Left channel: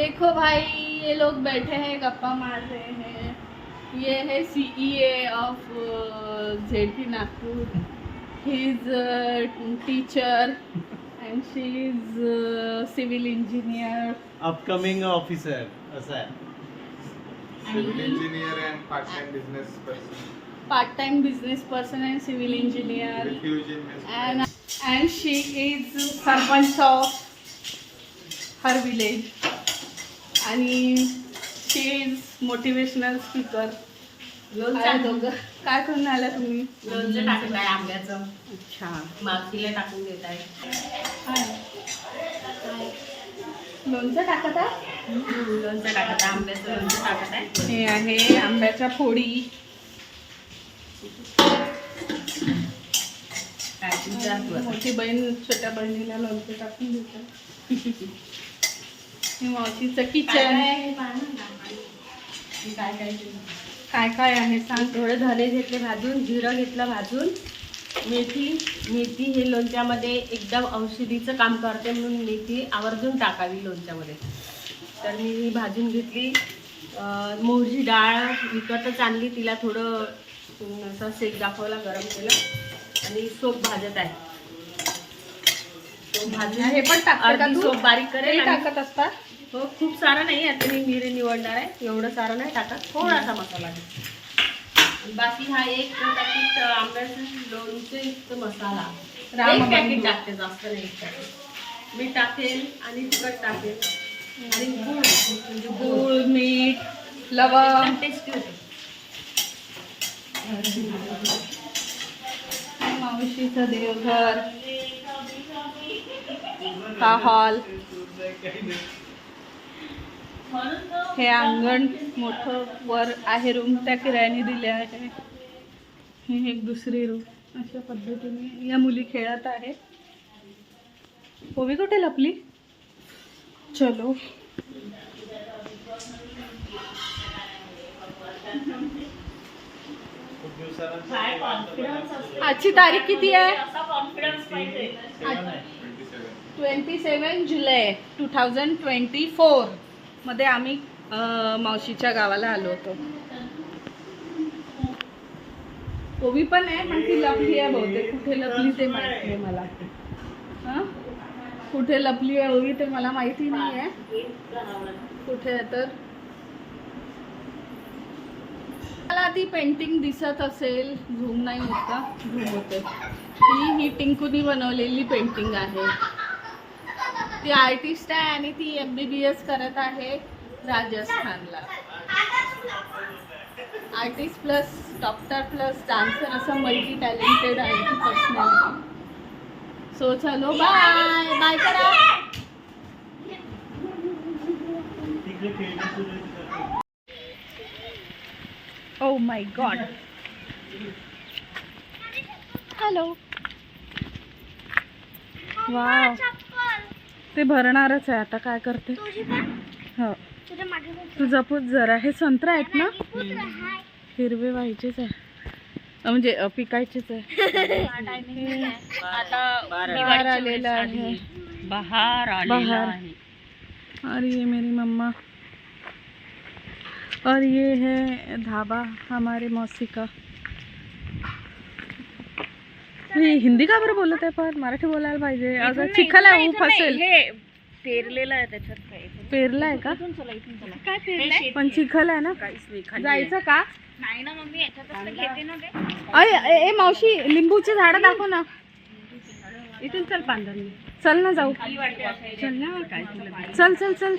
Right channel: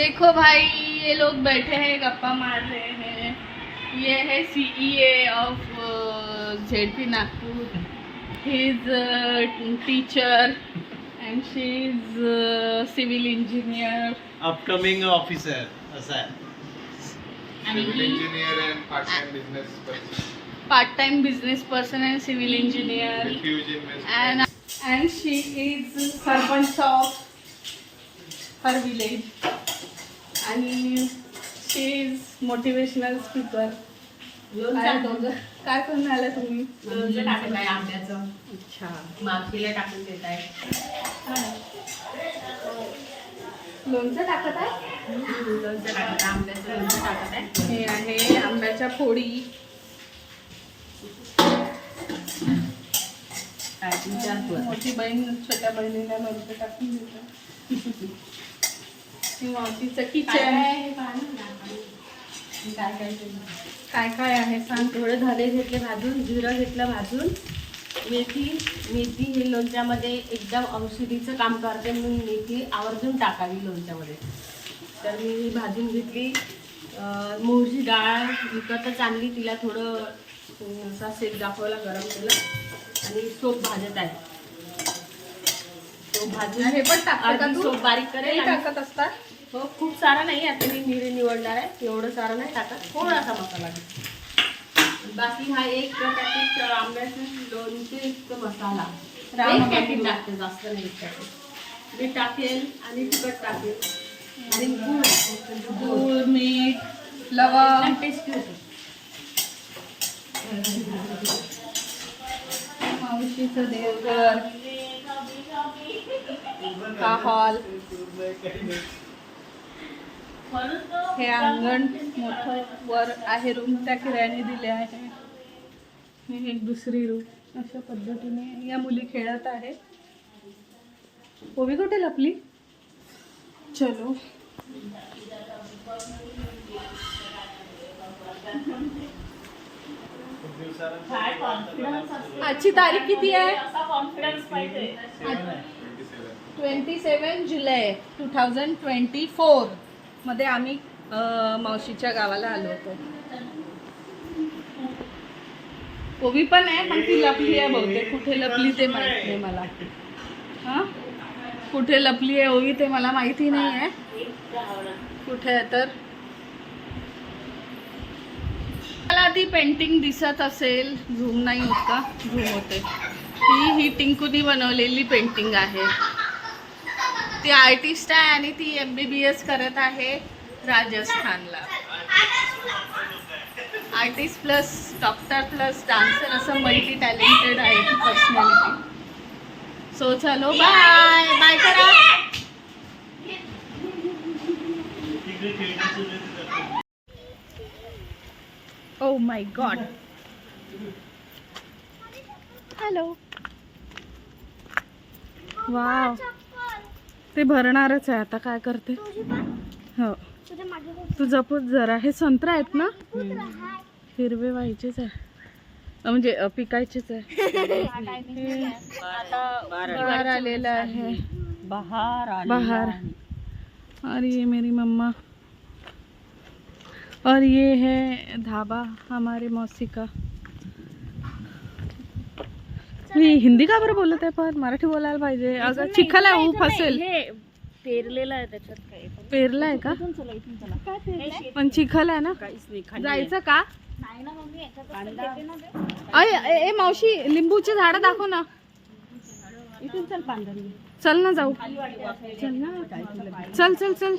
देखो भाई ये लोग बैठे हैं गप्पा मार रहे हैं। ये है C E A of Z P Nagpur he is teacher and she is civil engineer upcoming officer असं आहे person. Part time business person and civil engineer and and she is servant of her village आणि she is motivational speaker. काय करून आल्या तुम्ही? लोणचं टाकत आहे आंब्याचं. अच्छा. मावशीला टाकून देत आहे. लोणचं टाकत आहे? लोणचं टाकत आहे आंब्याचं लोणचं टाकत आहे. हे आहे आंब्याच्या फोडी. मोठी बहीण छोट्या बहिणीला लोणचं टाकून देते. काय किचन काय काय काय आहे सांग. थोडे धने घेतले भाजून जिरं घेतलं भाजून. मेथी मेथी हे लोणच्यामध्ये एकदम औषधीचं काम करते म्हणून मेथी आवर्जून टाकावी लोणच्यामध्ये. तर मी ही भाजून घेतली. अं, मोहरीची डाळ विकतच आणली. तिला थोडं असा शेक दाखवला गरम केलं. आणि सोप भाजत आहे. भाजून हे पण टाकते अर्धी? सोप बारीक करेल आणि टाकत असतात हो खूप सारं नाही आता मी मिरी निवडणार आहे. एवढं सारं नाही टाकत थोडासा मसाला घे. बाकी हा एक पॅकेट आंब्याचं लोणचे युक्त मसाला. राम एक पॅकेट. टाकते जास्त नाही पॅकेट मी टाकेल आणि तिखट टाकेल. आणि गूळ. म्हणजे गूळ गूळ मीठ लवंग. एकदम टेस्टी होते. मावशीचं देवघर. हा हॉल. हे अंगण मोठं वर आहे रूम त्या किरायाने दिले आहे. ही एक दुसरी रूम अशा पद्धतीने या मुली खेळत आहे. ओवी कुठे लपली? चलो. आजची तारीख किती आहे. Twenty seven July two thousand twenty फोरमध्ये आम्ही मावशीच्या गावाला आलो होतो. कोवी पण आहे पण ती लपली आहे बहुतेक. कुठे लपली ते माहीत नाही मला. हां? कुठे लपली आहे ओवी ते मला माहिती नाही आहे. कुठे आहे तर? मला ती पेंटिंग दिसत असेल. झूम नाही होत का? झूम होते. ही ही टिंकुनी बनवलेली पेंटिंग आहे. ती आर्टिस्ट आहे आणि ती एम बी बी एस करत आहे राजस्थानला. Artist plus doctor plus dancer असं मल्टी टॅलेंटेड आहे ती पर्सनॅलिटी सो चलो बाय बाय करा. Oh my god hello wow ते भरणारच आहे आता काय करते? हो. तू जपूच जरा हे संत्रा आहेत ना? हिरवे व्हायचेच आहे. म्हणजे पिकायचेच आहे. बाहर आलेला आहे. बहार बाहर और ये मेरी मम्मा. और ये है ढाबा हमारे मौसी का. मी हिंदी का बरं बोलत आहे पण? मराठी बोलायला पाहिजे. अगं चिखल आहे ऊप असेल. पेरलेलं आहे त्याच्यात काय? पेरला आहे का? काय पेरलंय? पण चिखल आहे ना. काहीच नाही खाली जायचं का? नाही ना मम्मी याच्यात घेते ना ते. अय ए ए, मावशी लिंबूची झाडं दाखव ना. इथून चल पांढरी चल ना जाऊ. चल ना. काय तुला चल चल चल.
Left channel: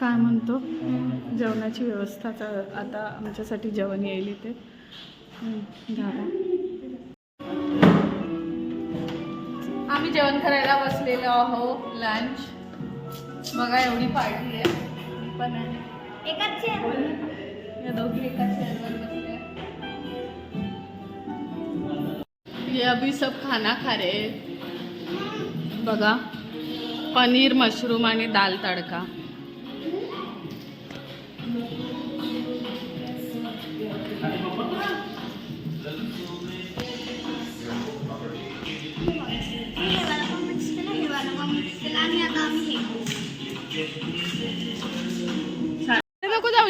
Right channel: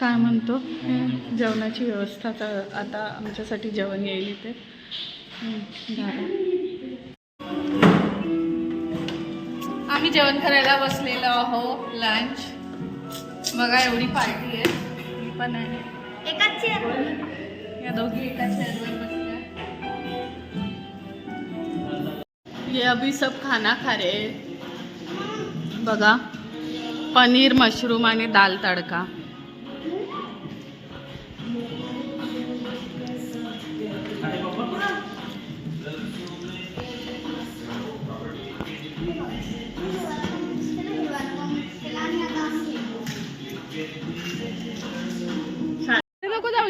काय म्हणतो? हे जेवणाची व्यवस्था चा- आता आमच्यासाठी जेवण येईल इथे. ढाबा आम्ही जेवण करायला बसलेलो आहो लंच बघा एवढी पार्टी आहे. मी पण आहे एकाच या दोघी एका चेअरवर बसल्या. ये अभी सब खाना खा रहे. बघा पनीर मशरूम आणि दाल तडका.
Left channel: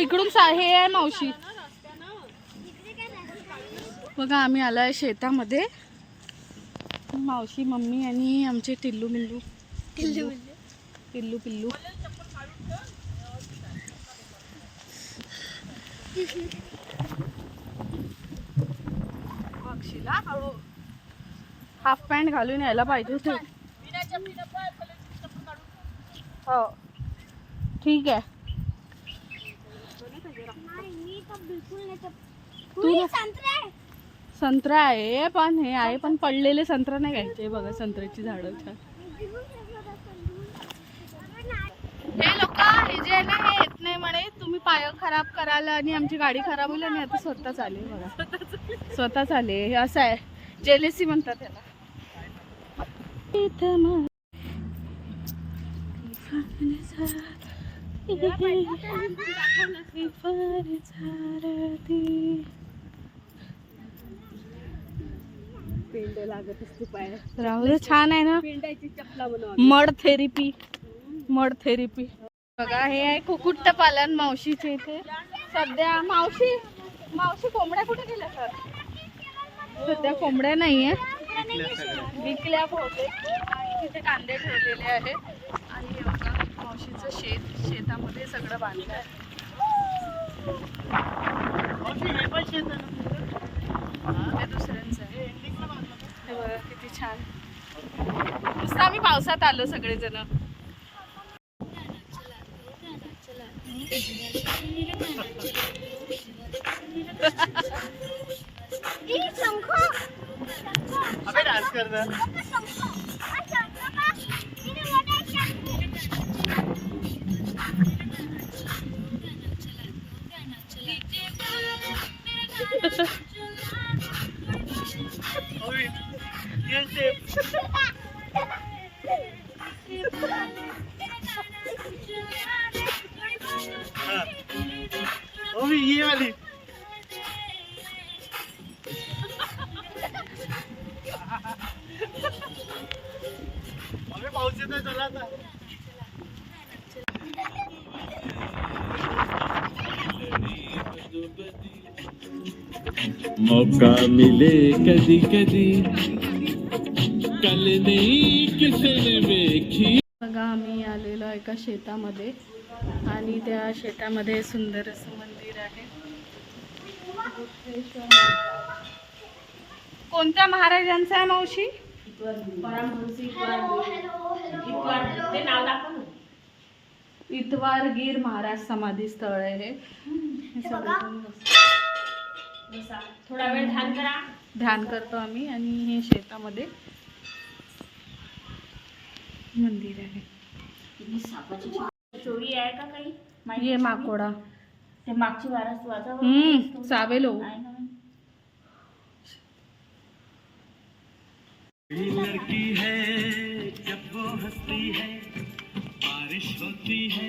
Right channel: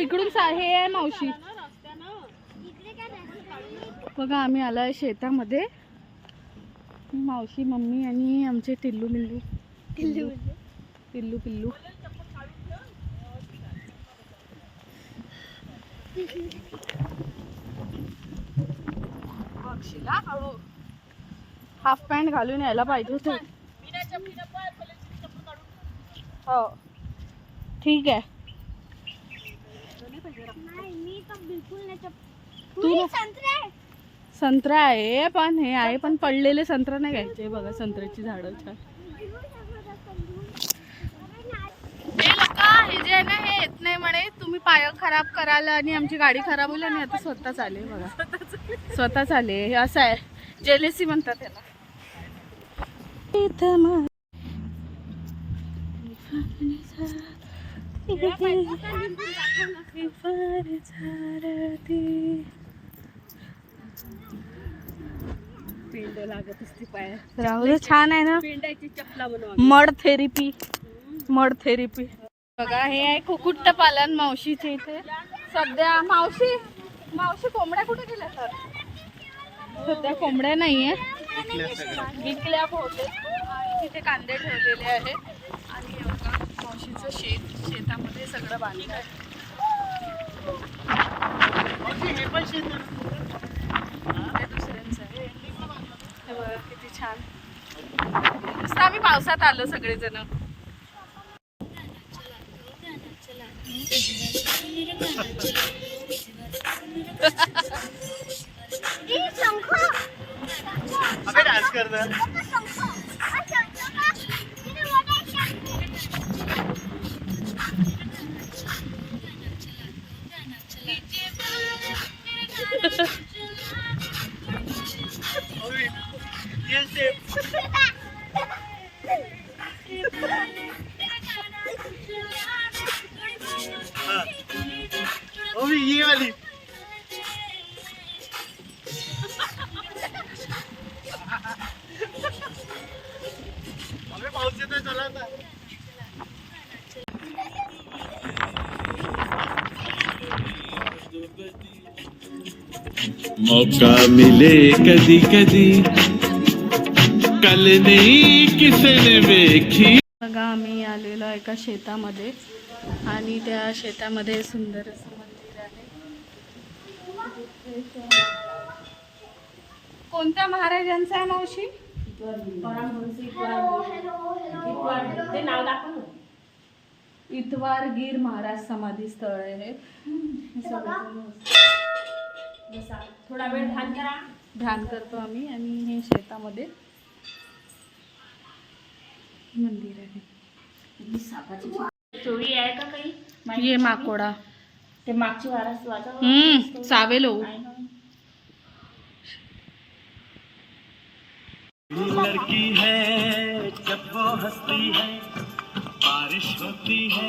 इकडून सा हे आहे मावशी. बघा आम्ही आलोय शेतामध्ये. मावशी मम्मी आणि आमचे टिल्लू मिल्लू. टिल्लू पिल्लू. पिल्लू हळू हाफ पॅन्ट घालून यायला पाहिजे होते. हो. ठीक आहे. तू संत्रा आहे. पण हे आहे पण पडलेले संत्रा नाही घ्यायचे. बघा संत्र्याची झाडं छान. हे लोक हे जे आहे ना हे येत नाही म्हणे. तुम्ही पाय खराब कराल आणि आमची गाडी खराब होईल आणि आता स्वतःच आले बघा. स्वतःच आले. हे असं आहे. जेलेसी म्हणतात त्याला इथं मा- पेंड लागत असते पाय राहू दे छान आहे ना. पेंडायची चपला बनवा मड थेरपी मड थेरपी. बघा हे आहे कुकुट्ट पालन मावशीचे इथे. सध्या मावशी मावशी कोंबड्या कुठे गेल्या तर? सध्या कोंबड्या नाहीये विकल्या बहुतेक आणि तिथे कांदे ठेवलेले आहेत. आणि मावशीचं शेत शेतामध्ये सगळं बांधलं आहे. हे दुसऱ्यांचं आहे. हे बघा किती छान. मस्त आम्ही पावसात आलो सगळेजण. अबे डान्स कर ये वाली पाऊस येतोय चला आता मौका मिले कधी कधी। कल नहीं किसने देखी। बघा आम्ही आलेलो आहे एका शेतामध्ये आणि त्या शेतामध्ये सुंदर असं मंदिर आहे. कोणत्या महाराजांचं आहे मावशी? ते इतवार गिर महाराज समाधी स्थळ आहे हे. बसा. थोडा वेळ ध्यान करा. ध्यान करतो आम्ही आणि हे शेतामध्ये मंदिर आहे. चोरी आहे. का काही? ये माकोडा. ते मागची वारस वाचा हम्म सावेलो लड़की है जब वो हंसती है बारिश होती है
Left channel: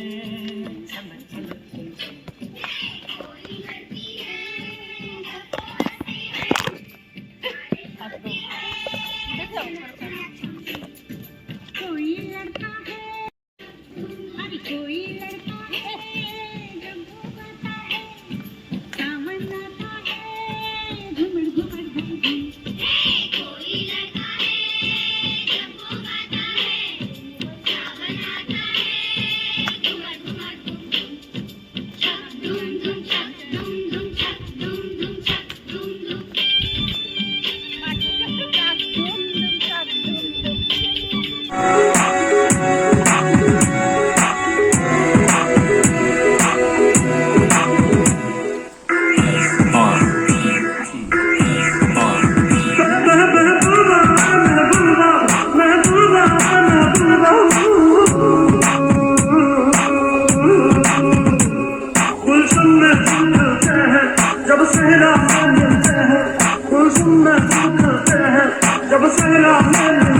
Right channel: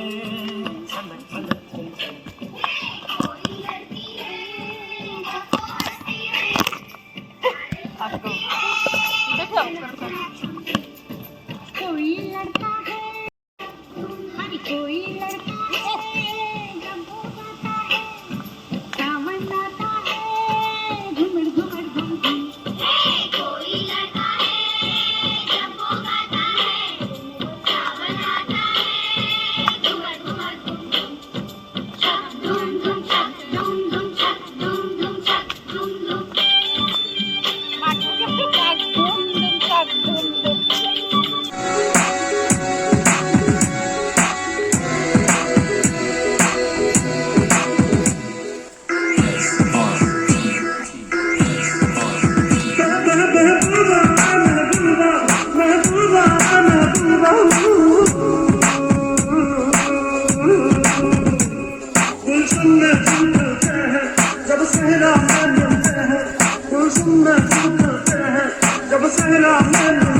जब सहरा में मिलते हैं गुलशन में फूल खिलते हैं जब सहरा में मिलते हैं।